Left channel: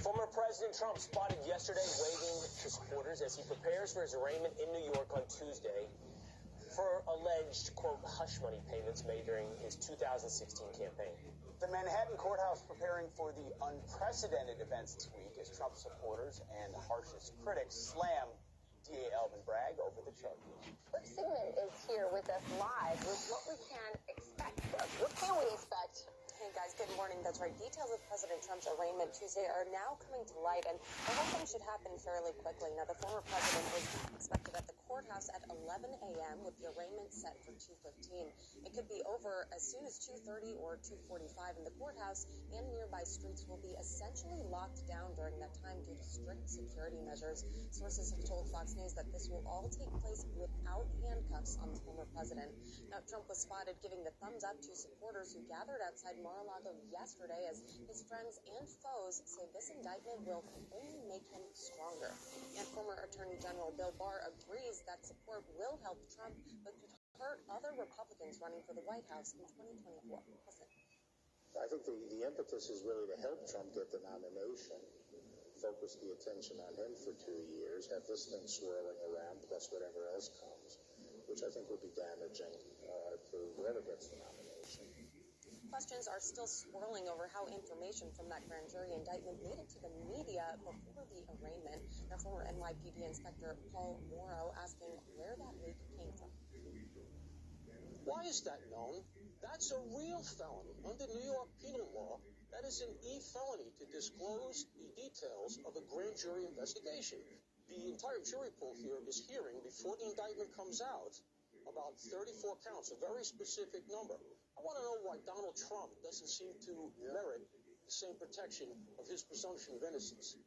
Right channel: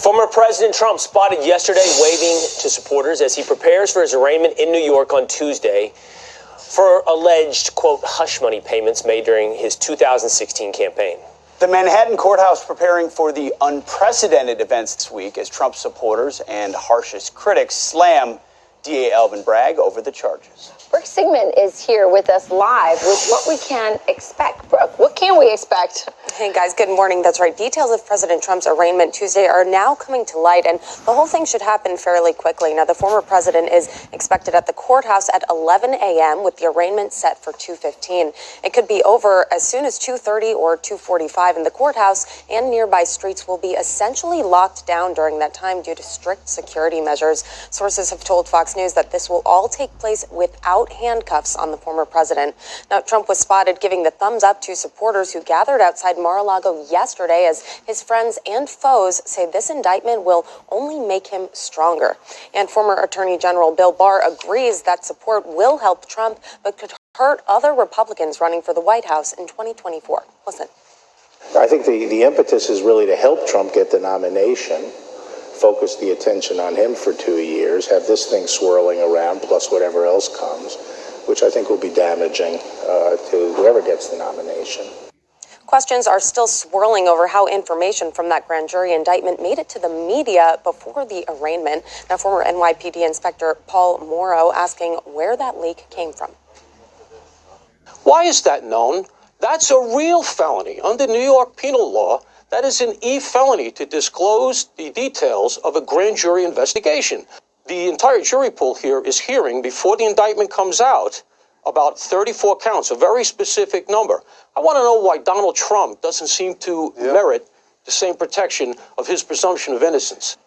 Former President Trump spotted yesterday waving to supporters as he prepares for his arraignment in New York on Tuesday for alleged, quote, hush money payments made during his 2016 campaign. The Manhattan courthouse preparing for the unprecedented events this week as Trump supporters and harshest critics slam DA Alvin Bragg over the charges. Brooke Sigmund is here with us live with what we can expect. Brooke, what can we expect? Hey guys, good morning. That's right. Details of President Trump's arraignment Tuesday are now coming to light, and the whole thing should happen fairly quickly. Now, the former president is expected at the courthouse at 11 a.m. with the arraignment set for 2:15. It could be over as soon as 2:30 or 2:45, and the courthouse and nearby streets will be essentially locked down during that time due to strict security measures. Sources have told Fox News that this will all take place without handcuffs on the former president. Now, Trump was spotted giving the thumbs up to supporters who gathered outside Mar-a-Lago yesterday as his friends and foes say this indictment will only make him stronger. And former Attorney General Bill Barr agrees that support will help Trump, but could hurt other Republicans running for the White House in 2024. Listen. I think the impetus is really to help Trump get the nomination, focus the attention on him for 2 years, have this thing swirling around, plus whatever else comes, which I think will be damaging to whoever gets the nomination. Questions are still swirling over how information from that grand jury indictment made it to the media before the arraignment. Now, former NYPD Inspector Paul Morrow asking where that leak came from. Why is that known? That's a real felony. Under New York penal law, that is an e-felony to disclose the details of a grand jury investigation. The entire jury pool here is hearing, before the indictment comes out, about 34 counts, a very specific number. I want to know why Donald Trump doesn't seem to merit the same protection of his presumption of innocence.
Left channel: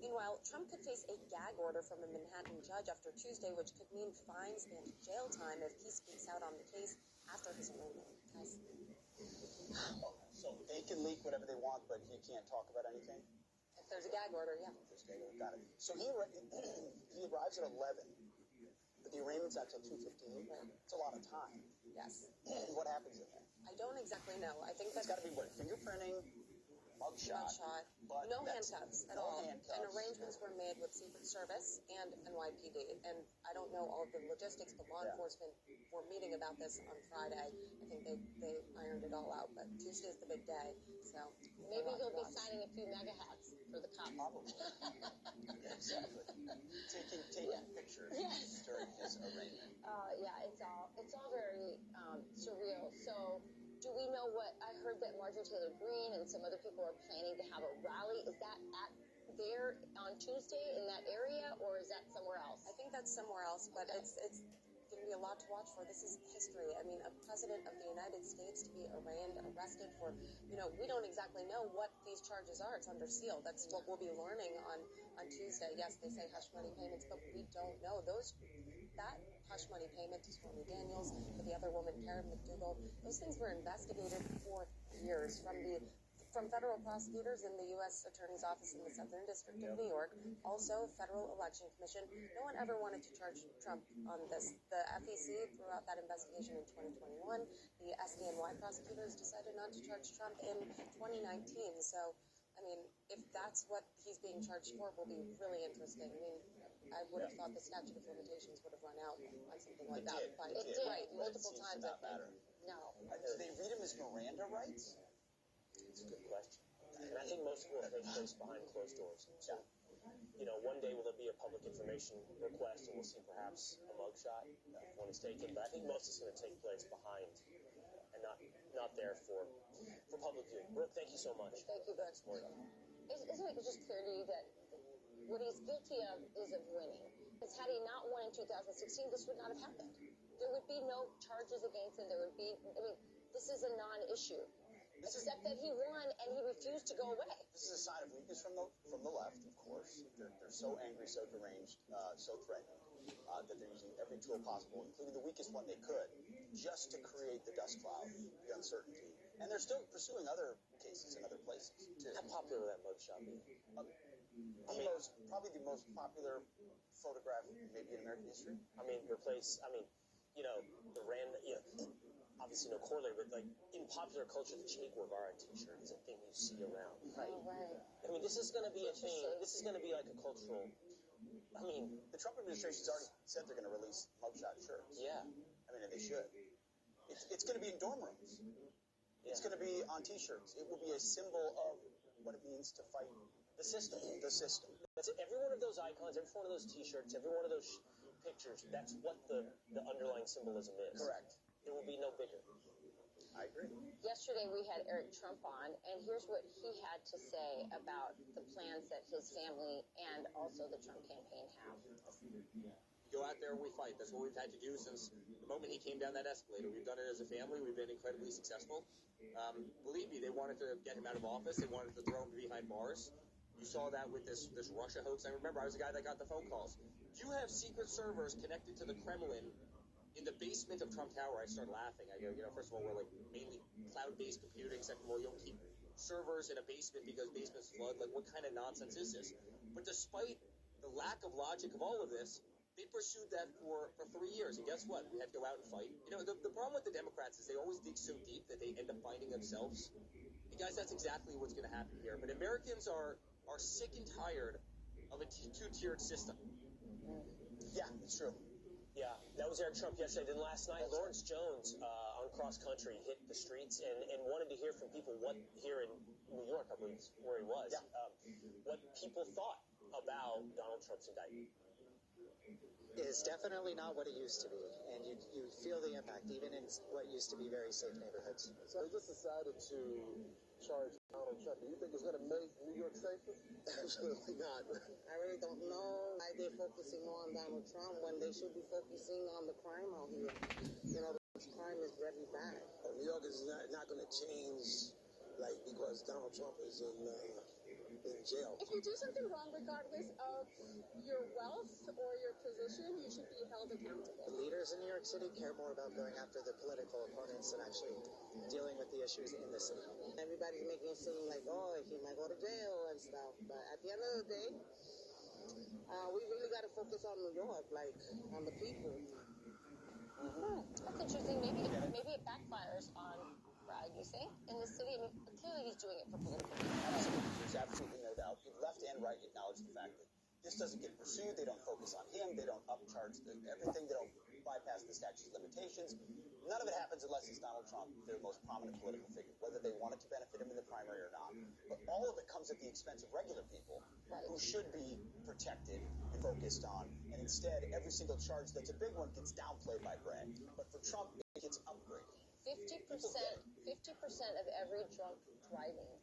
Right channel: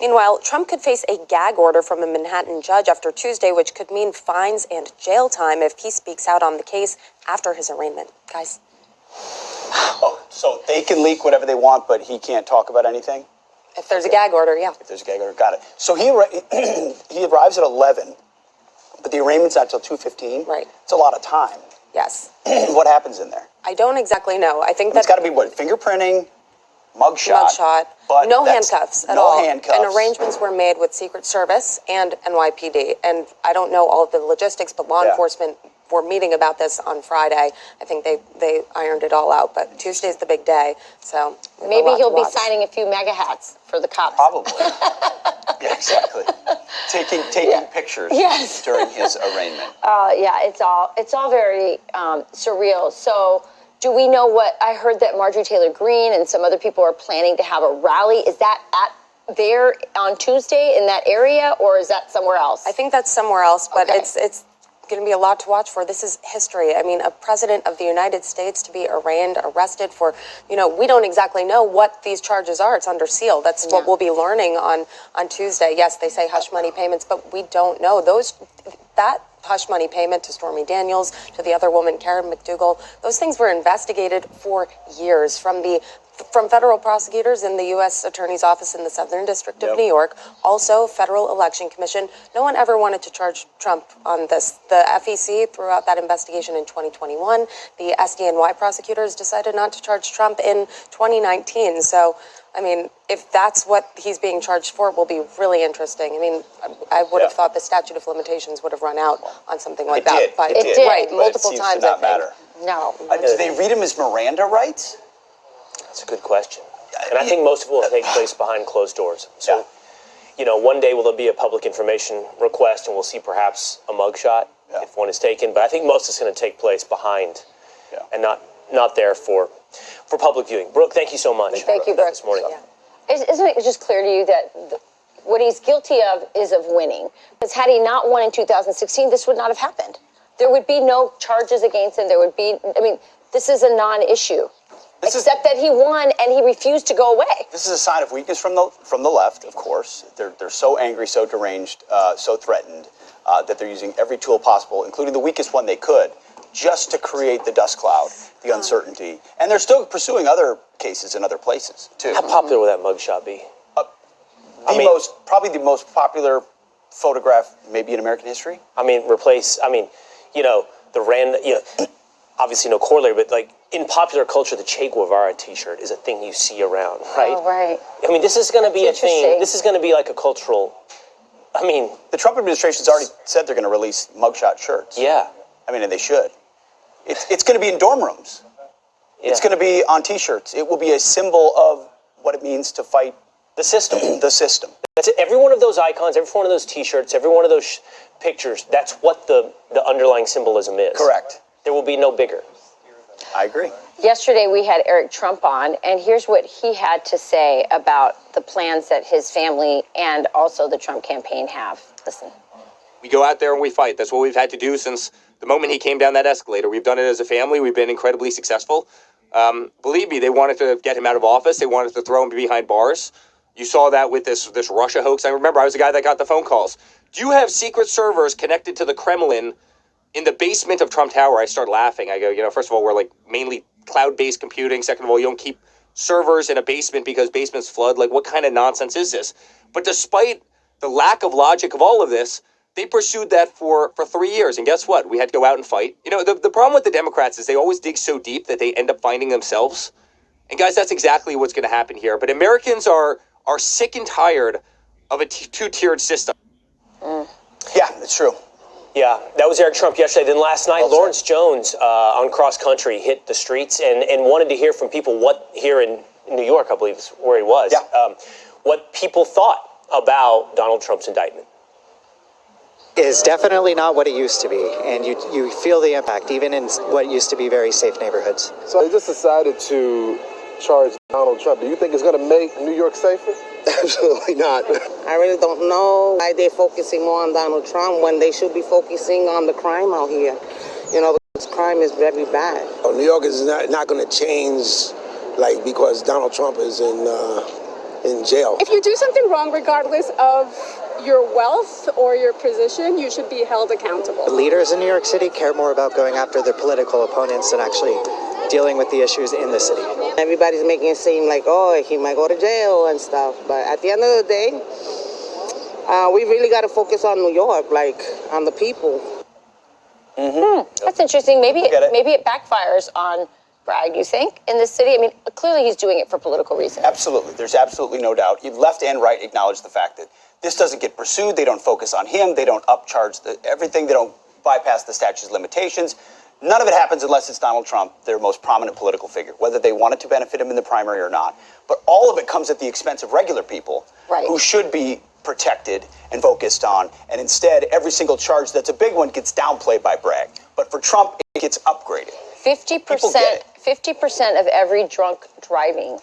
Meanwhile, Trump could face a gag order from a Manhattan judge after Tuesday, which could mean fines and jail time if he speaks out on the case after his arraignment. Guys. Oh, so they can leak whatever they want, but he can't talk about anything? If there's a gag order, yeah. If there's a gag order, got it. So he arrives at 11, but the arraignment's not till 2:15? Right. It's a lot of time. Yes. What happens in there? I don't exactly know. I think It's got to be what? Fingerprinting, mugshot. But no handcuffs at all. No handcuffs. And arrangements were made with Secret Service and NYPD. And I don't know all of the logistics, but law enforcement were meeting about this on Friday. I think they ironed it all out. But Tuesday's the big day, so maybe he'll be signing a few mega hats for the cops. Probably. Yeah, exactly. Taking pictures during his arraignment. Yeah, it's all very surreal. So, do we know what I heard that Marjorie Taylor Greene and some other people are planning to have a rally? Is that there on Tuesday in that area, or is that somewhere else? I think that's somewhere else, but it's going to be a lot to watch for. This is history. I mean, a president of the United States to be arraigned, arrested for, we don't exactly know what these charges are. It's under seal. That's what we'll be learning on Tuesday. Yes, they say hush money payments, but we don't know. That hush money payment to Stormy Daniels, to the other woman, Karen McDougal, those things were investigated for years from federal prosecutors in the U.S. Attorney's Office in the Southern District of New York, also Federal Election Commission. No one ever wanted to charge Trump on this. The FEC threw out that investigation in 2021. The SDNY prosecutors decided not to charge Trump in 2019. So, I mean, if that's what he's being charged for, it will be really interesting. I mean, I would have thought the statute of limitations would have run out on something like that. But it did. Right, but multiple it seems times, to not I think. matter. No. Do they read him as Miranda rights? That's a good question. And I think most of it will take place behind closed doors. So, one day will there be a public information request and we'll see perhaps a mugshot if one is taken. But I think most is going to take place behind and not there for public viewing. Brooke, thank you so much. Thank you, Brooke. This morning. Isn't it just clear to you that what he's guilty of is of winning? Because had he not won in 2016, this would not have happened. There would be no charges against him. This is a non-issue. Except that he won and he refused to go away. This is a sign of weakness from the left, of course. They're so angry, so deranged, so threatened that they're using every tool possible, including the weakest one they could, just to create the dust cloud, the uncertainty. And they're still pursuing other cases in other places, too. How popular would that mugshot be? Probably the most popular photograph maybe in American history. The random, obviously no corollary, but like in popular culture, the Che Guevara T-shirt is a thing you see around, right? Oh, right. I mean, this is going to be a thing. Interesting. This is going to be like a cultural. I mean, The Trump administration's already said they're going to release mugshot shirts. yeah. I mean, and they should. It's going to be in dorm rooms. Yeah. It's going to be on T-shirts. It will be a symbol of what it means to fight The system. the system. That's it. Every one of those icons, every one of those T-shirts, every one of those pictures, that's what the underlying symbolism is. Correct. There will be no bigger. I agree. Yesterday, we had Eric Trump on, and here's what he had to say about the plans that his family and also the Trump campaign have. Listen. We go out there and we fight. That's what we've had to do since the moment he came down that escalator. We've done it as a family. We've been incredibly successful. Believe me, they wanted to get him out of office. They wanted to throw him behind bars. You saw that with this Russia hoax. I remember I was the guy that got the phone calls. Do you have secret servers connected to the Kremlin in the basement of Trump Tower? I start laughing. I go, first of all, we're like mainly cloud-based computing. Second of all, you don't keep servers in a basement because basements flood. Like, what kind of nonsense is this? But despite the lack of logic of all of this, they pursued that for 3 years. And guess what? We had to go out and fight. The problem with the Democrats is they always dig so deep that they end up finding themselves. And guys, that's exactly what's going to happen here. But Americans are sick and tired of a two-tiered system. Yeah, it's true. Yeah, that was Eric Trump yesterday. Then last night, Lawrence Jones on Cross Country hit the streets and wanted to hear from people here in New York, I believe is where he was, what people thought about Donald Trump's indictment. Is definitely not what it used to be, and you feel the impact, even in what used to be very safe neighborhoods. So they just decided to charge Donald Trump. Do you think it's going to make New York safer? Absolutely not. I really don't know why they're focusing more on Donald Trump when they should be focusing on the crime out here. This crime is very bad. New York is not going to change, because Donald Trump is in jail. If you do something wrong, regardless of your wealth or your position, you should be held accountable. The leaders in New York City care more about going after their political opponents than actually dealing with the issues in the city. Everybody's making it seem like, he might go to jail and stuff. But at the end of the day, we really got to focus on New York, on the people. That's interesting. Maybe it backfires on Bragg, you think, in this city? I mean, clearly he's doing it for political reasons. Absolutely. There's absolutely no doubt. Left and right acknowledge the fact that this doesn't get pursued. They don't focus on him. They don't upcharge everything. They don't bypass the statute of limitations. None of it happens unless it's Donald Trump, their most prominent political figure, whether they want it to benefit him in the primary or not. But all of it comes at the expense of regular people who should be protected and focused on. And instead, every single charge that's a big one gets downplayed by Bragg. But for Trump, it gets upgraded. 50% of every drunk driving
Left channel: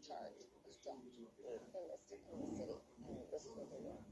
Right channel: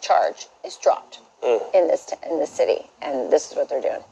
charge is dropped in this city, and this is what they're doing.